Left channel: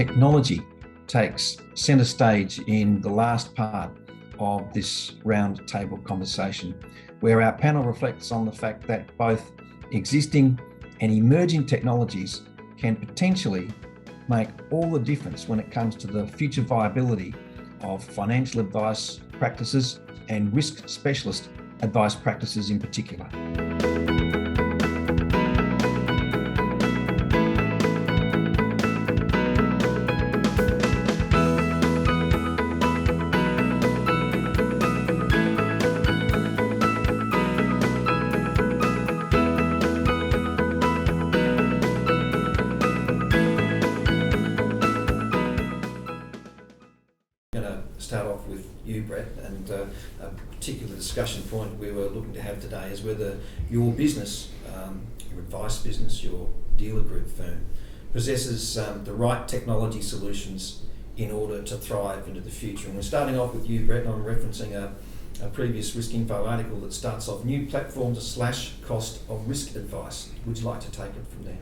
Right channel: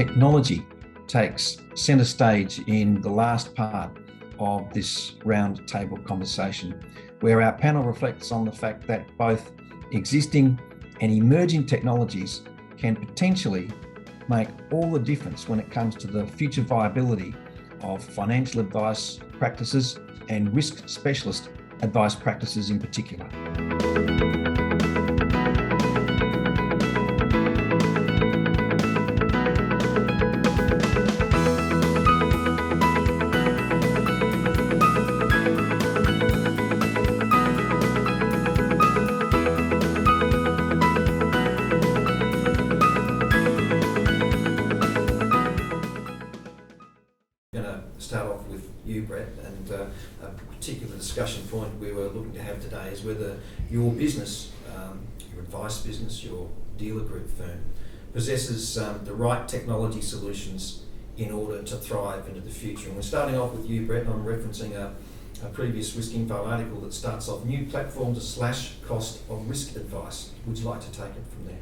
technology takes centre stage in the last part of this round table conversation, where our panel reflects on the fact that both existing and emerging technologies can potentially make all the difference when it comes to the future viability of financial advice practices and risk specialist advice practices in particular. Brett, and a particular discussion point we were looking to have today is whether your business, your advice business, your dealer group firm, possesses the right technology solutions in order to thrive into the future. And we're starting off with you, Brett, and I'm referencing a previous Risk Info article that starts off, new platforms to slash cost of risk advice. Would you like to take it from there?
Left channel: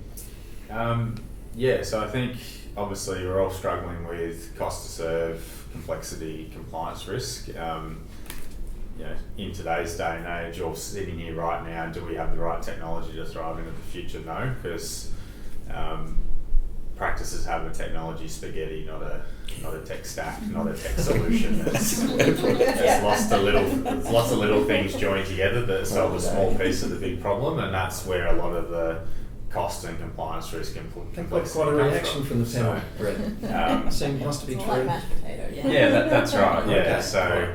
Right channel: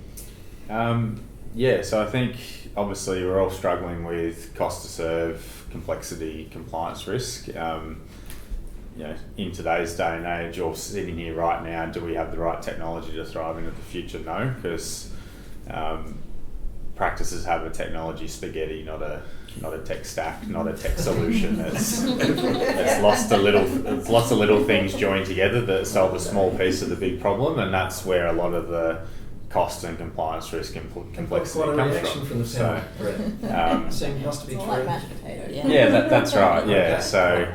So I think obviously we're all struggling with cost to serve, complexity, compliance risk. In today's day and age, or sitting here right now, do we have the right technology to thrive into the future? No, because practices have a technology spaghetti, not a tech stack, not a tech solution. It's lots of little things joined together that solve a small piece of the big problem, and that's where a lot of the cost and compliance risk and complexity quite a comes reaction from the panel, Brett. Seems to be true. Like mashed potato, That's right. Yeah. Okay. So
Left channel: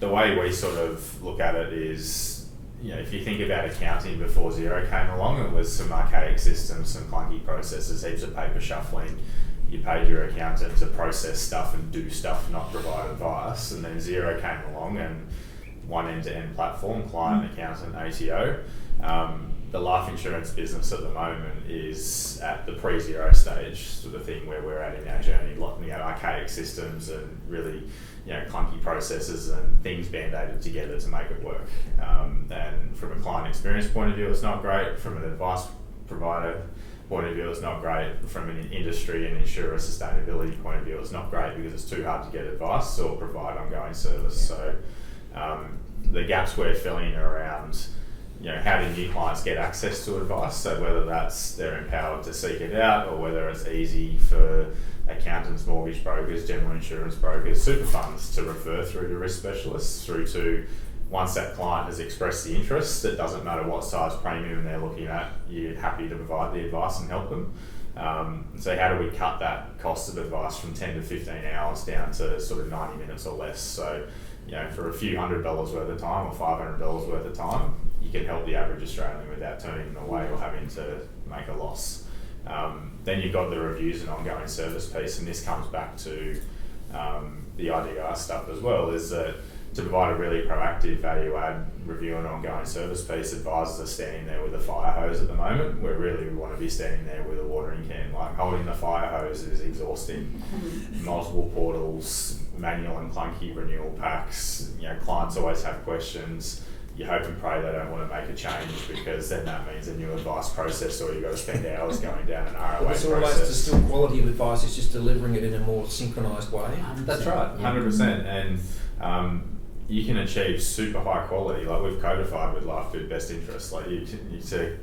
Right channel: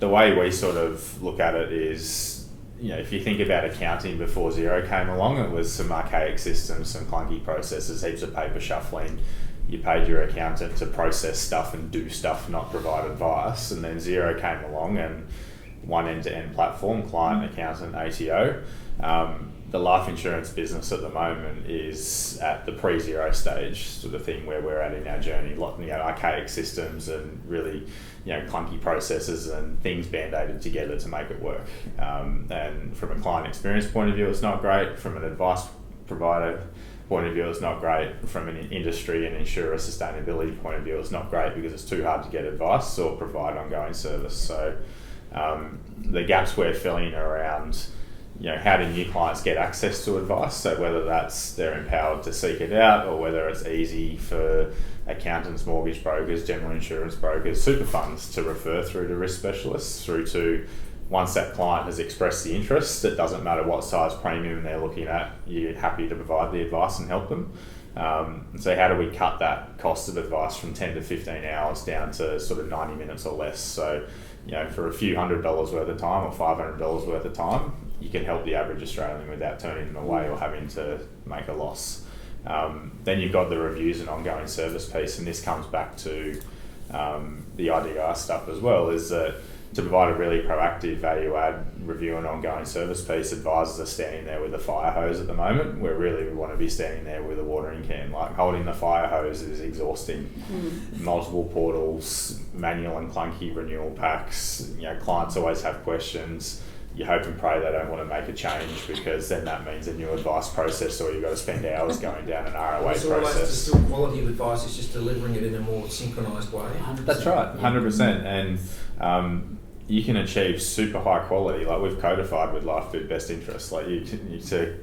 the way we sort of look at it is, if you think about accounting before Xero came along, it was some archaic systems, some clunky processes, heaps of paper shuffling. You paid your accountant to process stuff and do stuff, not provide advice. And then Xero came along and one end-to-end platform, client, accountant, ATO. The life insurance business at the moment is at the pre-Xero stage sort of thing where we're at in our journey, looking at archaic systems and really, clunky processes and things band-aided together to make it work. And from a client experience point of view, it's not great. From an advice provider point of view, it's not great. From an industry and insurer sustainability point of view, it's not great because it's too hard to get advice or provide ongoing service. So the gaps we're filling are around how do new clients get access to advice? So whether that's they're empowered to seek it out, or whether it's easy for accountants, mortgage brokers, general insurance brokers, super funds to refer through to risk specialists, through to once that client has expressed the interest, it doesn't matter what size premium they're looking at, you're happy to provide the advice and help them. So how do we cut that cost of advice from 10 to 15 hours down to sort of 90 minutes or less? So, for a few $100 worth of time or $500 worth of time, you can help the average Australian without turning them away or having to make a loss. Then you've got the reviews and ongoing service piece, and this comes back to the IDR stuff as well, is that to provide a really proactive value add review and ongoing service piece, advisors are standing there with a fire hose at the moment, where really we want to be standing there with a watering can. Like, holding the fire hose is exhausting. Multiple portals, manual and clunky renewal packs, clients always have questions. You hope and pray they don't want to make a change, because then that means a new advice process, or you've got to spend hours going down an ROA It's process. almost the still quality of advice, it's just delivering it in a more synchronised way. 100%. That's right, 100%. And you can achieve super high quality, like we've codified with Life Food Best Interest. Like you to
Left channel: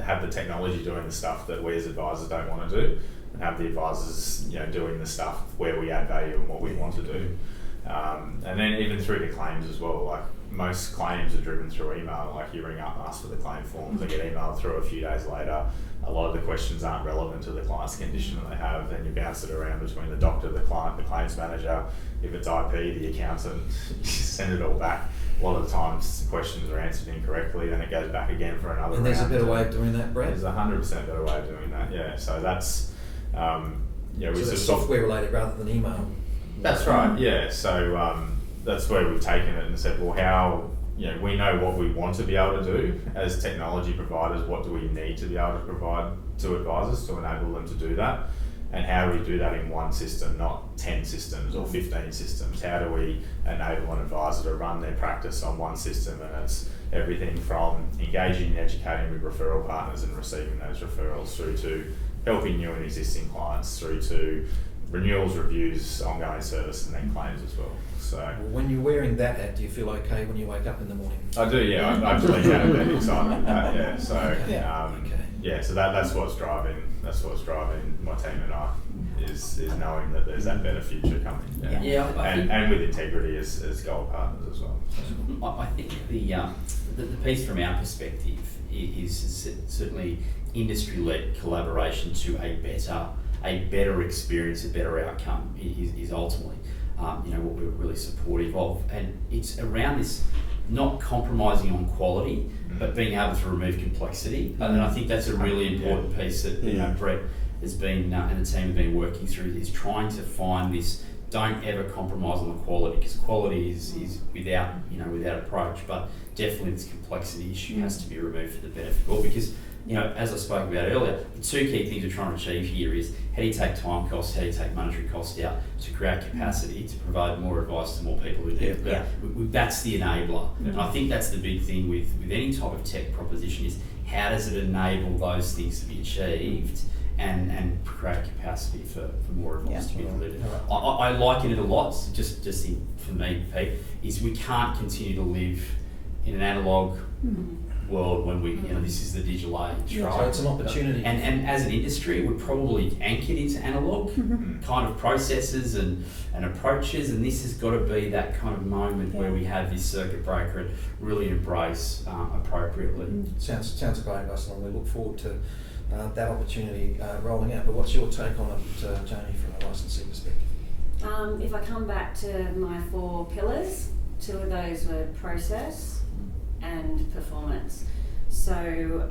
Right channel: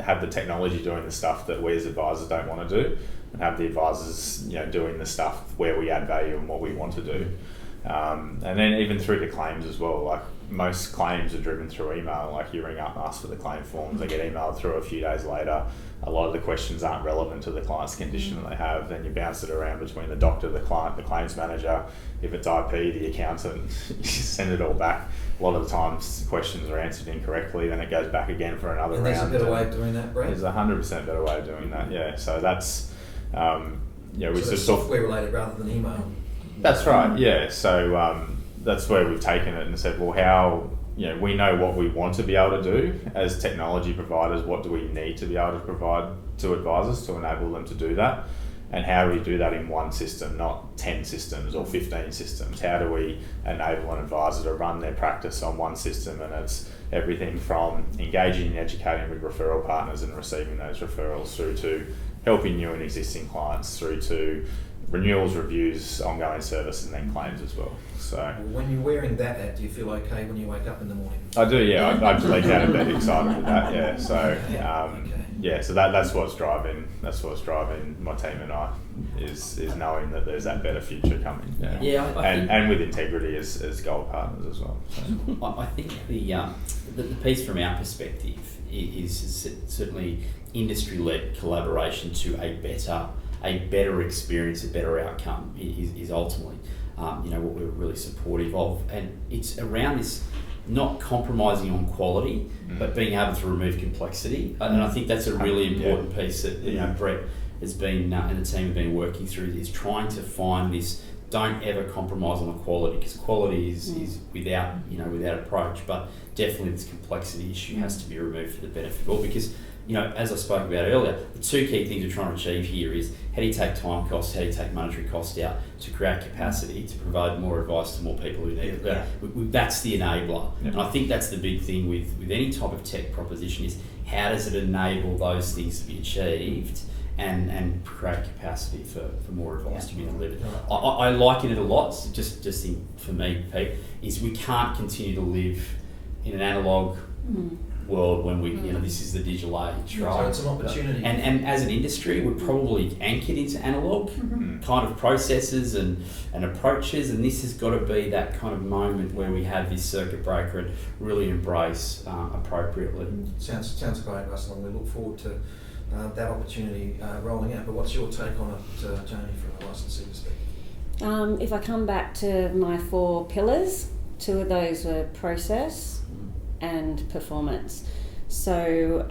have the technology doing the stuff that we as advisors don't want to do, and have the advisors doing the stuff where we add value and what we want to do. And then even through to claims as well. Like, most claims are driven through email. Like, you ring up and ask for the claim forms, they get emailed through a few days later. A lot of the questions aren't relevant to the client's condition that they have. Then you bounce it around between the doctor, the client, the claims manager. If it's IP, the accountant, you send it all back. A lot of the times questions are answered incorrectly, then it goes back again for another And round. there's a better way of doing that, Brett? There's a 100% better way of doing that, yeah. So that's, we So sort that's of software related rather than email. That's right, yeah. So that's where we've taken it and said, well, how, we know what we want to be able to do as technology providers. What do we need to be able to provide to advisors to enable them to do that? And how do we do that in one system, not 10 systems or 15 systems? How do we enable an advisor to run their practice on one system? And it's everything from engaging and educating with referral partners and receiving those referrals, through to helping new and existing clients through to renewals, reviews, ongoing service, and then claims as well. So When you're wearing that hat, do you feel okay when you wake up in the morning? I do, yeah. I actually get out of bed excited with that, yeah. So Okay. yeah, so that's what's driving my team and I is knowing that there's that better future coming. Yeah, Yeah, I think, and with integrity as gold partners as well. So. I think the piece from our perspective is certainly industry-led collaboration to a better experience, a better outcome is ultimately what we're really supportive of, and it's around this not compromising on quality, but being able to remove complexity, and I think that's a really important piece that Brett has been and the team have been working through, is trying to find this. Don't ever compromise on the quality, because quality is without approach, but definitely this complexity issue has to be removed for the benefit of all, because as I spoke about earlier, the two key things we're trying to achieve here is how do you take time costs, how do you take monetary costs out to create capacity to provide more advice to more people who need it. That's the enabler. And I think that's the big thing with any type of tech proposition, is how does it enable those things to be achieved and create capacity for more advice to be delivered. I liken it a lot, for me, Pete, is we can't continue to live in an analogue world when this is the digital age, right? So it's an opportunity. And as an industry, we're probably anchored into analogue kind of processes and approaches, and this has got to be that kind of moment where we have this circuit breaker and really embrace appropriately. Sounds great, Russell, and we look forward to that opportunity rolling out. But what's your take on it, Jamie, from a licensee perspective? If I come back to my 4 pillars, 2 of those were process and performance. So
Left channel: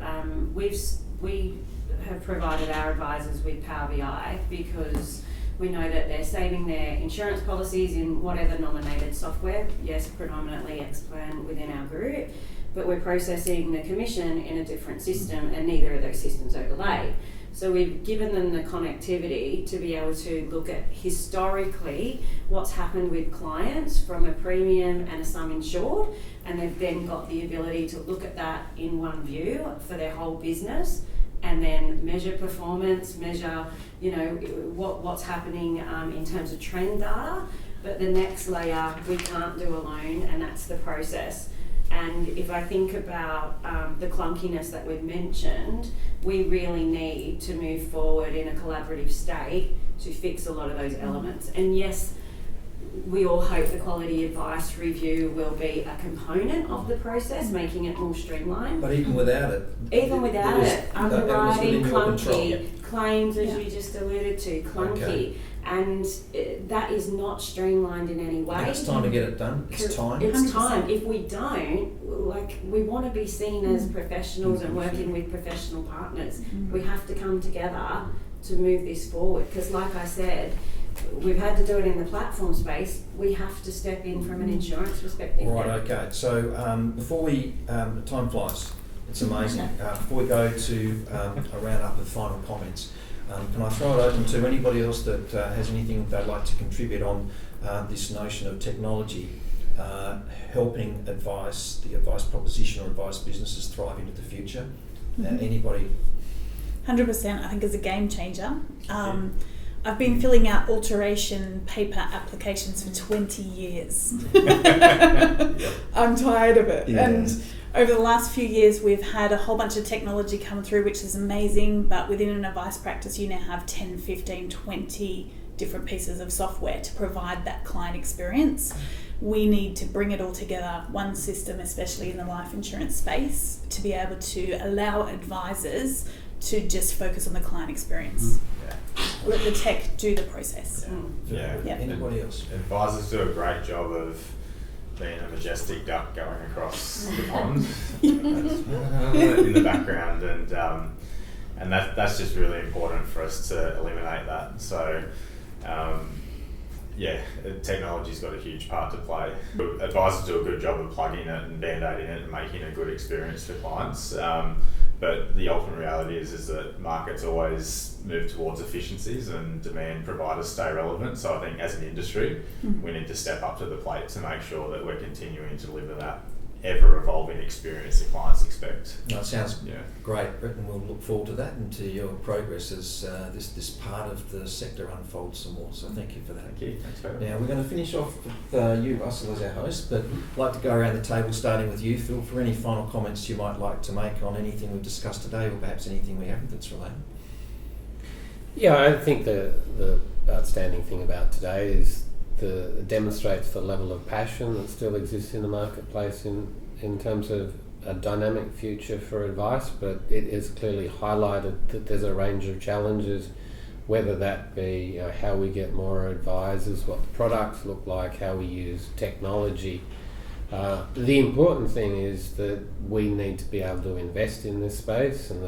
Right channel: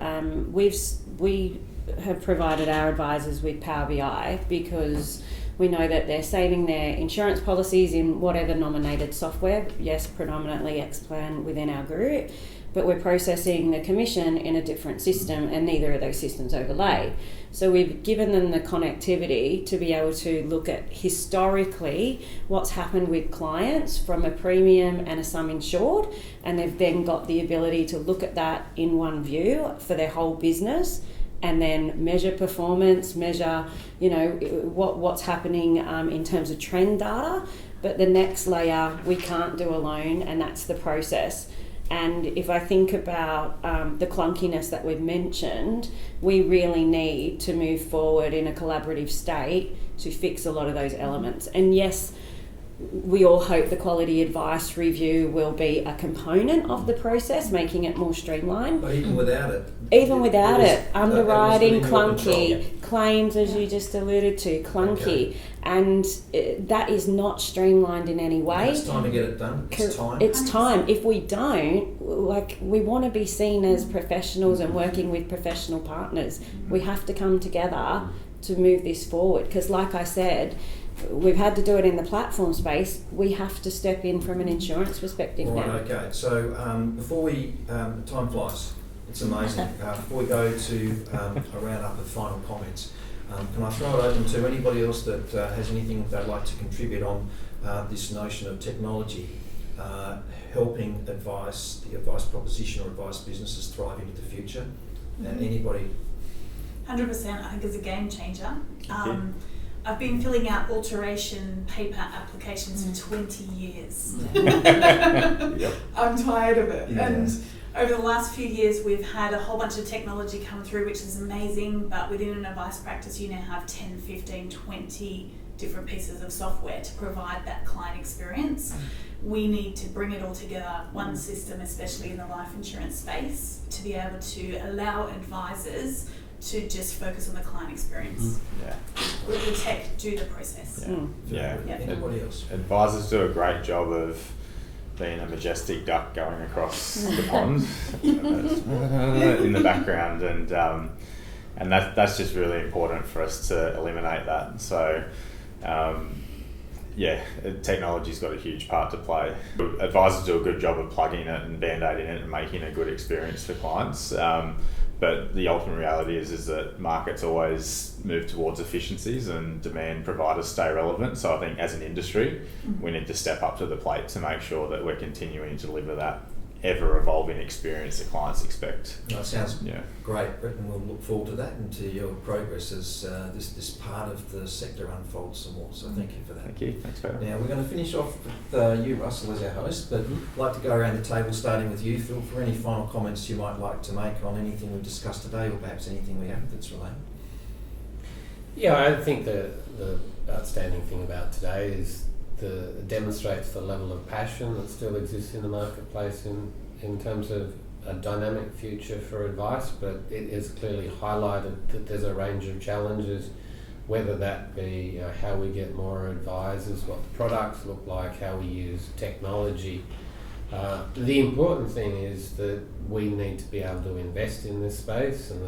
we have provided our advisors with Power BI because we know that they're saving their insurance policies in whatever nominated software. Yes, predominantly Xplan within our group, but we're processing the commission in a different system, and neither of those systems overlay. So we've given them the connectivity to be able to look at historically what's happened with clients from a premium and a sum insured, and they've then got the ability to look at that in one view for their whole business, and then measure performance, measure what's happening in terms of trend data. But the next layer we can't do alone, and that's the process. And if I think about the clunkiness that we've mentioned, we really need to move forward in a collaborative state to fix a lot of those elements. And yes, we all hope the quality advice review will be a component of the process, making it more streamlined. But even without it, underwriting, clunky, claims, as you just alluded to, clunky, and that is not streamlined in any way. And it's time to get it done. It's time. It's time. If we don't, we want to be seen as professionals and working with professional partners. We have to come together to move this forward, because like I said, we've had to do it in the platform space. We have to step in from an insurance perspective Right, now. okay. So before we, time flies, it's amazing. Before we go to a round-up of final comments, can I throw it open to anybody else that has anything they'd like to contribute on this notion of technology helping the advice proposition or advice businesses thrive into the future? Anybody? 100%, I think, is a game changer. I've been filling out alteration paper applications for 20 years. I'm tired of it. Yeah. And over the last few years, we've had a whole bunch of technology come through, which is amazing, but within an advice practice, you now have 10, 15, 20 different pieces of software to provide that client experience. We need to bring it all together, one system, especially in the life insurance space, to be able to allow advisors to just focus on the client experience. Let the tech do the process. Anybody else? Advisors do a great job of being a majestic duck going across the pond in the background, and that's just really important for us to eliminate that. So technology's got a huge part to play. Advisors do a good job of plugging it and band-aiding it and making a good experience for clients. But the ultimate reality is that markets always move towards efficiencies and demand providers stay relevant. So I think as an industry, we need to step up to the plate to make sure that we're continuing to deliver that ever evolving experience that clients expect. No, it sounds Yeah. great, Brett, and we'll look forward to that and to your progress as this part of the sector unfolds some more. So thank you for that. Thank you. Thanks, Peter. Now we're going to finish off with you, Russell, as our host, but I'd like to go around the table, starting with you, Phil, for any final comments you might like to make on anything we've discussed today, or perhaps anything we haven't that's related. Yeah, I think the outstanding thing about today is it demonstrates the level of passion that still exists in the marketplace in terms of a dynamic future for advice, but it has clearly highlighted that there's a range of challenges, whether that be how we get more advisors, what the products look like, how we use technology. The important thing is that we need to be able to invest in this space, and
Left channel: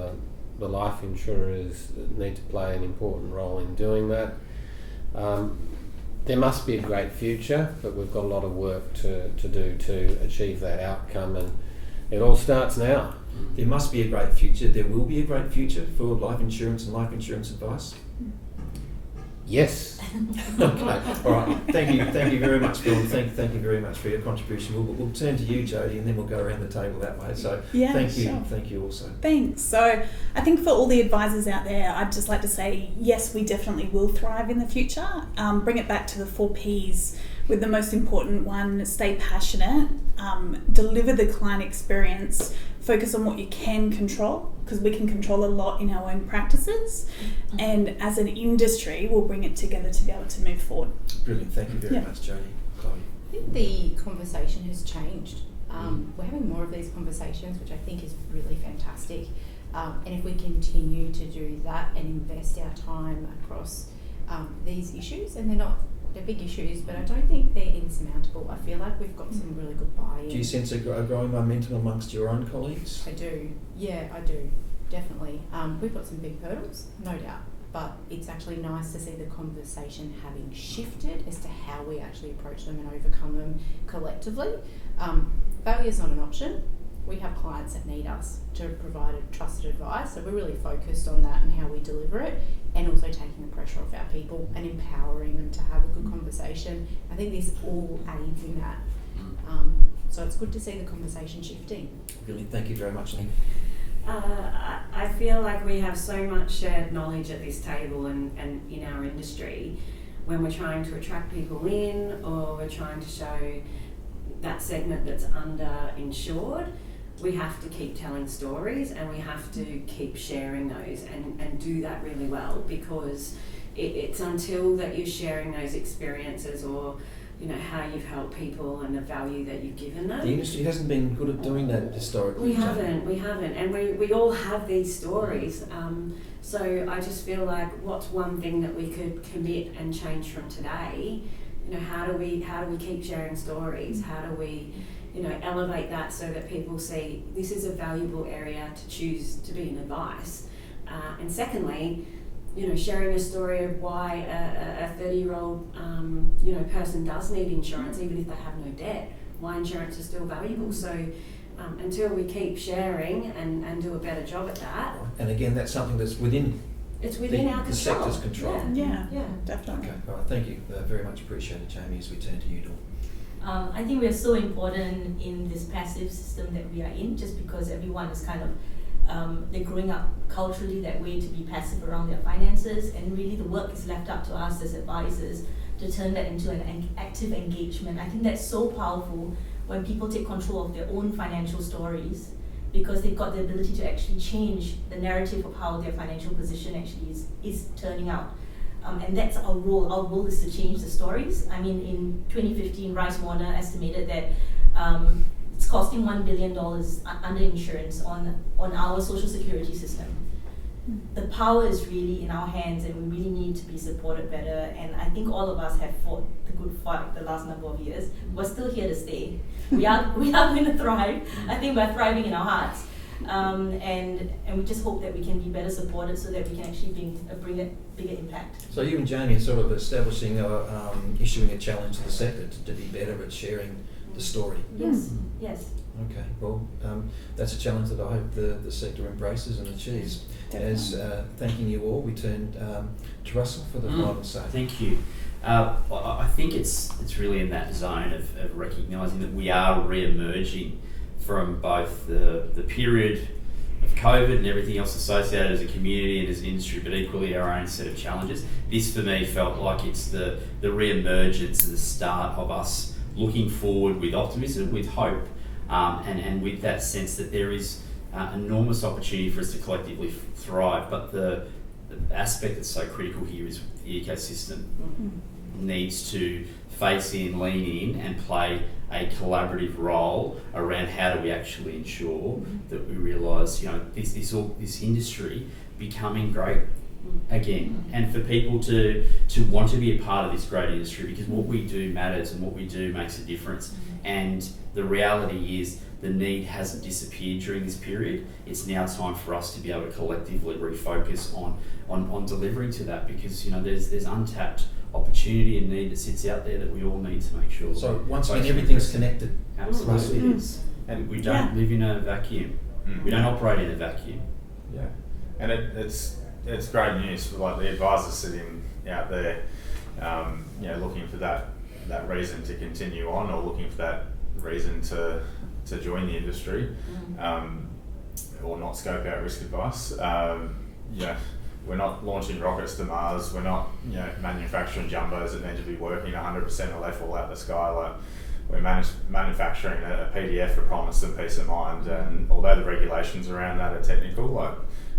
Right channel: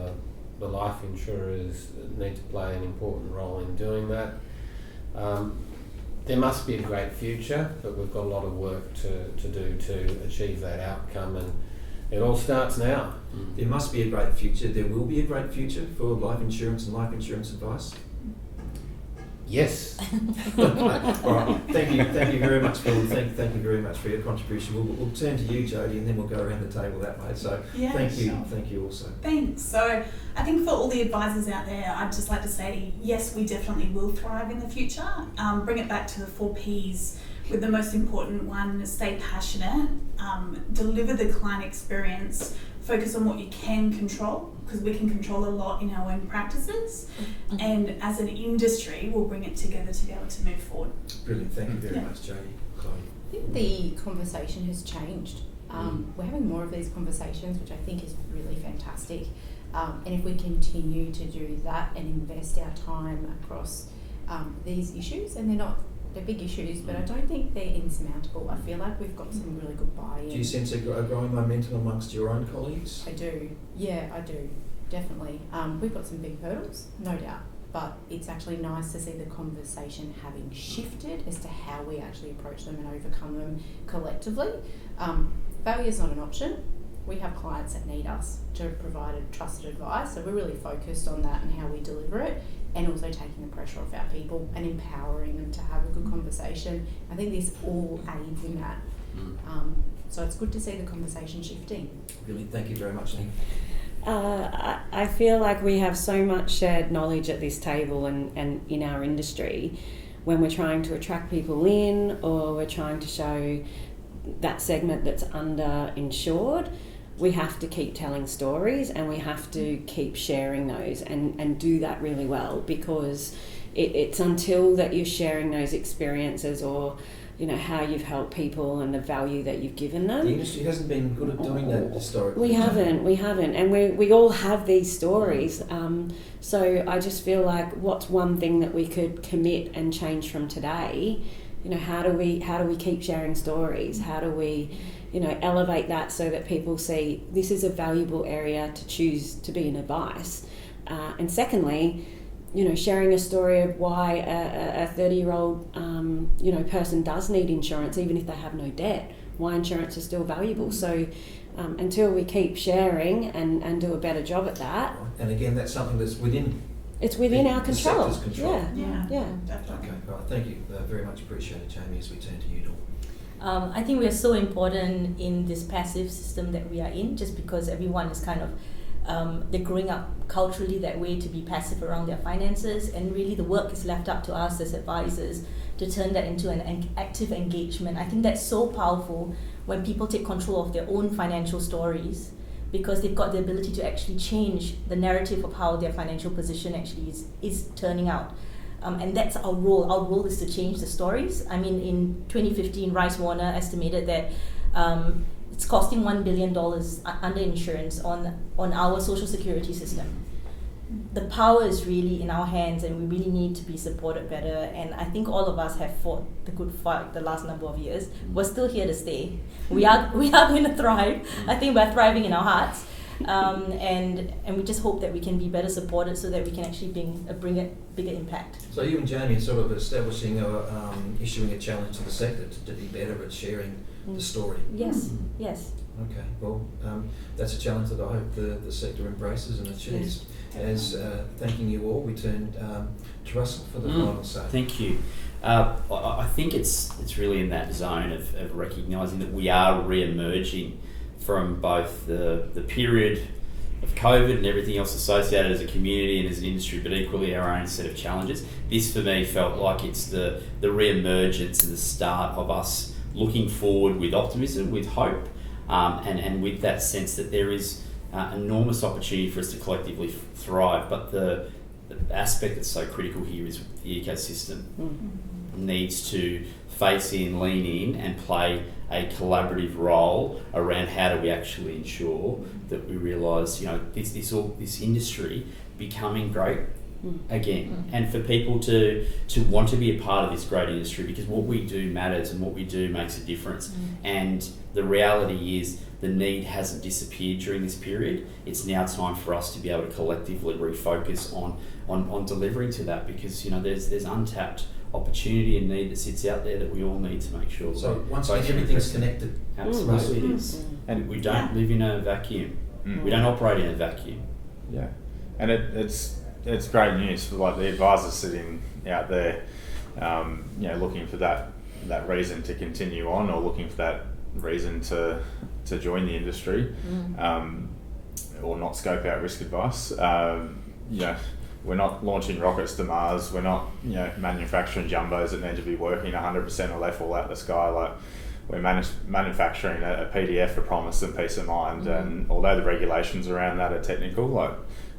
the life insurers need to play an important role in doing that. There must be a great future, but we've got a lot of work to do to achieve that outcome, and it all starts now. There must be a great future. There will be a great future for life insurance and life insurance advice. Yes. Okay. All right. Thank you very much, Phil. Thank you very much for your contribution. We'll turn to you, Jodie, and then we'll go around the table that way. So Yeah, thank you. sure. Thank you also. Thanks. So I think for all the advisors out there, I'd just like to say, yes, we definitely will thrive in the future. Bring it back to the 4 Ps, with the most important one, stay passionate, deliver the client experience, focus on what you can control, because we can control a lot in our own practices, and as an industry, we'll bring it together to be able to move forward. Brilliant. Thank you very Yeah. much, Jodie. Chloe. I think the conversation has changed. We're having more of these conversations, which I think is really fantastic. And if we continue to do that and invest our time across these issues, and they're big issues, but I don't think they're insurmountable. I feel like we've got some really good buy-in. Do you sense a growing momentum amongst your own colleagues? I do. Yeah, I do. Definitely. We've got some big hurdles, no doubt. But it's actually nice to see the conversation having shifted as to how we actually approach them and overcome them collectively. Failure is not an option. We have clients that need us to provide a trusted advice, so we're really focused on that and how we deliver it, and also taking the pressure off our people and empowering them to have a good conversation. I think this all aids in that. So it's good to see the conversation shifting. Brilliant. Thank you very much, Nick. I feel like we have so much shared knowledge at this table and in our industry when we're trying to attract people in, or we're trying to show that segment that's underinsured. We have to keep telling stories, and we have to keep sharing those and do that really well, because it's until that you're sharing those experiences, or how you've helped people and the value that you've given them. The industry hasn't been good at doing that historically. We haven't, and we all have these stories. So I just feel like, what's one thing that we could commit and change from today? How do we keep sharing stories? How do we, elevate that so that people see this is a valuable area to choose to be in advice? And secondly, sharing a story of why a 30-year-old, person does need insurance, even if they have no debt, why insurance is still valuable. So until we keep sharing and do a better job at that. And again, that's something that's within our control. The sector's control. Yeah, definitely. Okay, all right, thank you. Very much appreciated, Jamie, as we turn to you, Dawn. I think we are so important in this passive system that we are in, just because everyone is kind of, they're growing up culturally that way, to be passive around their finances, and really the work is left up to us as advisors to turn that into an active engagement. I think that's so powerful when people take control of their own financial stories, because they've got the ability to actually change the narrative of how their financial position actually is turning out. And that's our role. Our role is to change the stories. I mean, in 2015, Rice Warner estimated that it's costing $1 billion under insurance on our social security system. The power is really in our hands, and we really need to be supported better. And I think all of us have fought the good fight the last number of years. We're still here to stay. We are going to thrive. I think we're thriving in our hearts. And we just hope that we can be better supported so that we can actually bring a bigger impact. So you and Jamie are sort of issuing a challenge to the sector to be better at sharing the story. Yes, yes. Okay, well, that's a challenge that I hope the sector embraces and achieves. As thanking you all, we turn to Russell for the final say. Thank you. I think it's really in that zone of recognising that we are re-emerging from both the period of COVID and everything else associated as a community and as an industry, but equally our own set of challenges. This for me felt like it's the re-emergence and the start of us looking forward with optimism, with hope, and with that sense that there is enormous opportunity for us to collectively thrive. But the aspect that's so critical here is the ecosystem needs to face in, lean in, and play a collaborative role around how do we actually ensure that we realise, this industry becoming great again, and for people to want to be a part of this great industry, because what we do matters and what we do makes a difference. And the reality is the need hasn't disappeared during this period. It's now time for us to be able to collectively refocus on delivering to that, because there's untapped opportunity and need that sits out there that we all need to make sure. So once again, everything's connected. Absolutely, it is. And we don't live in a vacuum. We don't operate in a vacuum. Yeah, and it's great news for like the advisors sitting out there, looking for that reason to continue on, or looking for that reason to join the industry, or not scope out risk advice. We're not launching rockets to Mars. We're not, manufacturing jumbos that need to be working 100% or they fall out the sky. Like, we're manufacturing a PDF for promise and peace of mind. And although the regulations around that are technical, like,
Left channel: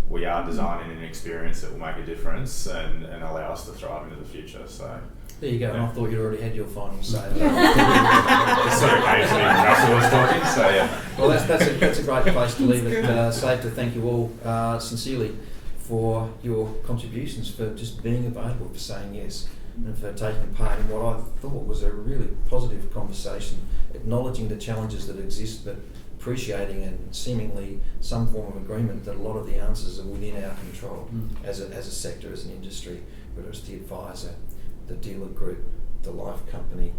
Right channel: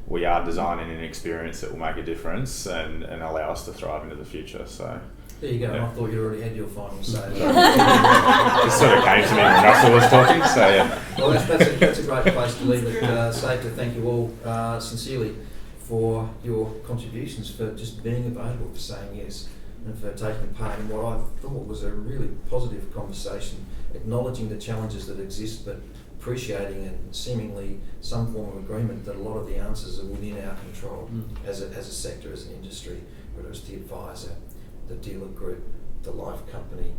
we are designing an experience that will make a difference and allow us to thrive into the future. So there you go. Yeah. I thought you already had your final say. It sort of came to me when Russell was talking. So yeah. Well, that's a great place to leave it. Safe to thank you all sincerely for your contributions, for just being available, for saying yes, and for taking part in what I thought was a really positive conversation, acknowledging the challenges that exist, but appreciating and seemingly some form of agreement that a lot of the answers are within our control as a sector, as an industry, whether it's the advisor, the dealer group, the life company,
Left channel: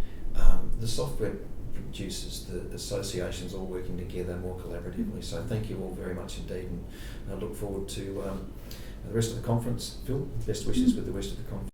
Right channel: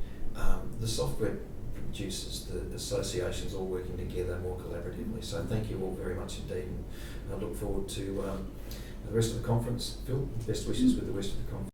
the software producers, the associations all working together more collaboratively. So thank you all very much indeed, and I look forward to the rest of the conference. Phil, best wishes with the rest of the conference.